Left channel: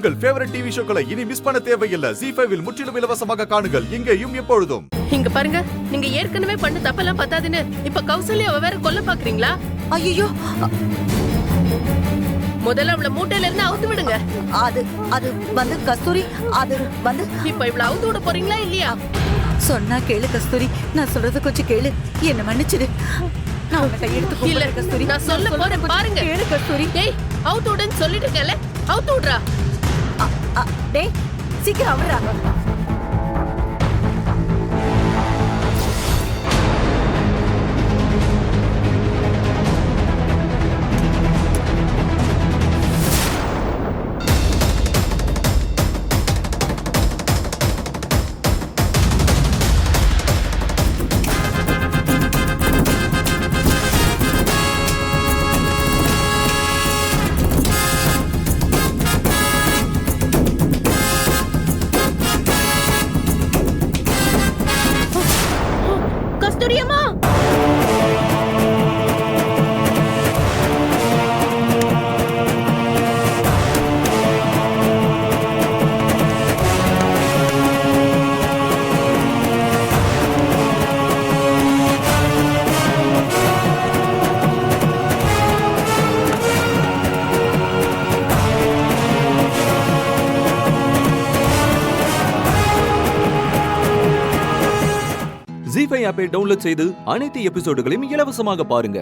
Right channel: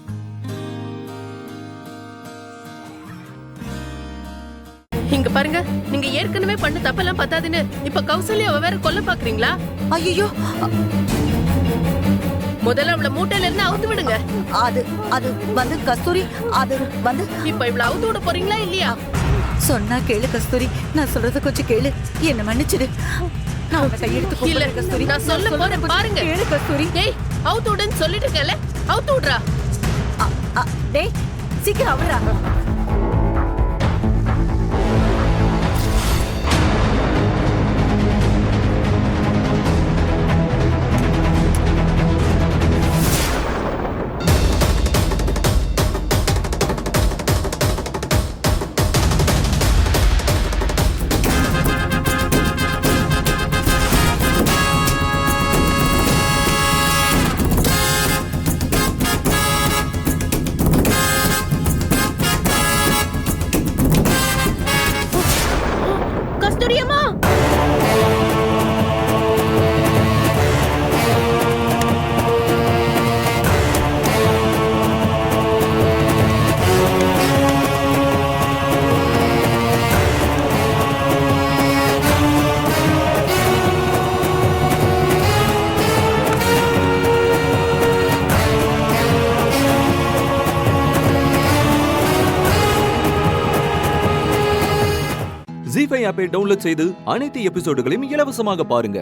உங்கள் favourite TV ஷோக்களை இனி miss பண்ண தேவையில்லை. ZEE5 இல் முற்றிலும் இலவசமாக காணுங்கள். இங்கேயும் எப்பொழுதும். இங்க பாருங்க, நீங்க ஏற்கனவே பண்ண தப்பெல்லாம் பத்தாதுன்னு இப்ப கௌசல்யாவை வேற கொல்ல பாக்குறீங்களா? ஐயோ, முதல்ல அவளை மூட்டையில இருந்து அவுத்து விடுங்க. அது அது வந்து கஸ்தூரி, அது வந்து இப்ப இவ்வளவு அவுத்து விட போறீங்களா இல்லையா? சொன்னா கேளு கஸ்தூரி, நான் சொல்றத கொஞ்சம் கேளு, என்ன மன்னிச்சிடு. நான் உன்னை கையெடுத்து இல்ல கும்பிடுறேன் கஸ்தூரி. நான் சொல்ல போறேன் பாருங்க. கேளு கஸ்தூரி. டேய், அவுத்து விடுன்னு சொல்லிட்டு இருக்கல, அவுத்து விடுறா. டேய் சீக்கிரம் அவரா. கஸ்தூரியம்மா, ZEE5 ஆப்பை டவுன்லோட் செய்து அனைத்து எபிசோடுகளையும் இலவசமாக பாருங்க.